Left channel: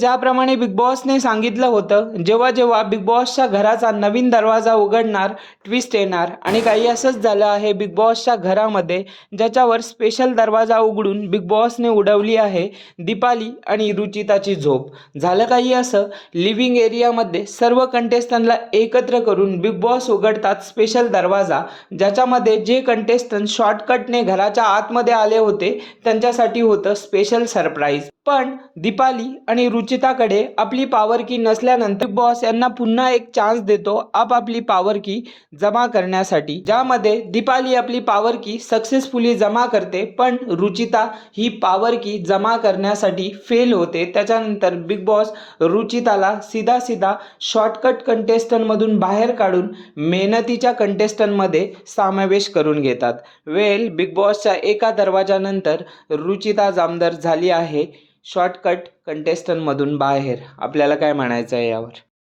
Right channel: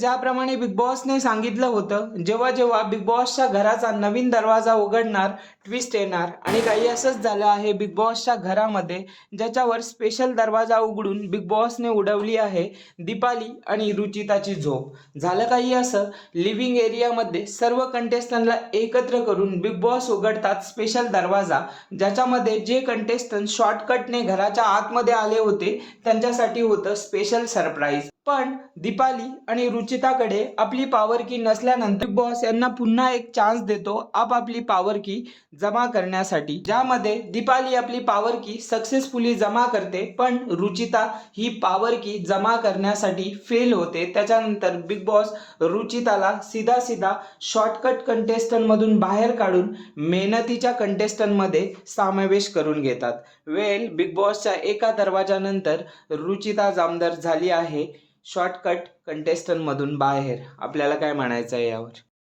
ज्याप्रमाणे बिग बॉसने सांगितलं होतं, जेव्हा जेव्हा बिग बॉसच्या घराचा नवीन दरवाजा उघडणार, ट्विस्ट येणार आणि काही असंच झालं आहे बिग बॉसच्या घरामध्ये, ज्याच्यावर स्पेशल दरवाजा उघडून बिग बॉसने उडवली आहे दीपाली आणि रुचिताची झोप. झालं काही असं, लिव्हिंग एरियामध्ये सर्व कंटेस्टंटला एकत्र करून बिग बॉस उघडतात स्पेशल दरवाजा, ज्याच्यामध्ये जे कंटेस्टंट शॉर्टकटने घराच्या आतमध्ये आले होते त्यांच्यासाठी होतं स्पेशल सरप्राईज. पण दीपाली आणि रुचिताकडे आपली पॉवर की नसल्यानंतर बिग बॉस यांना पुन्हा एक चान्स देतो आपापली पॉवर की जमा करण्यासाठी, ज्यामध्ये दीपाली आपली पॉवर की सक्सेसफुली जमा करते, पण रुचिता ही पॉवर की जमा करण्यासाठी फेल होते. त्याच्यानंतर बिग बॉस रुचिताला सीधा सीधा शॉर्टकट कंटेस्टंटमधून बाहेर काढून मेहनतीच्या कंटेस्टंटमध्ये समावेश करून घेतात. बिग बॉसच्या एका दरवाजानंतर रुचिता जामदार झाली आहे शॉर्टकट कंटेस्टंटमधून बाहेर. आपल्याला काय म्हणायचं आहे यावर?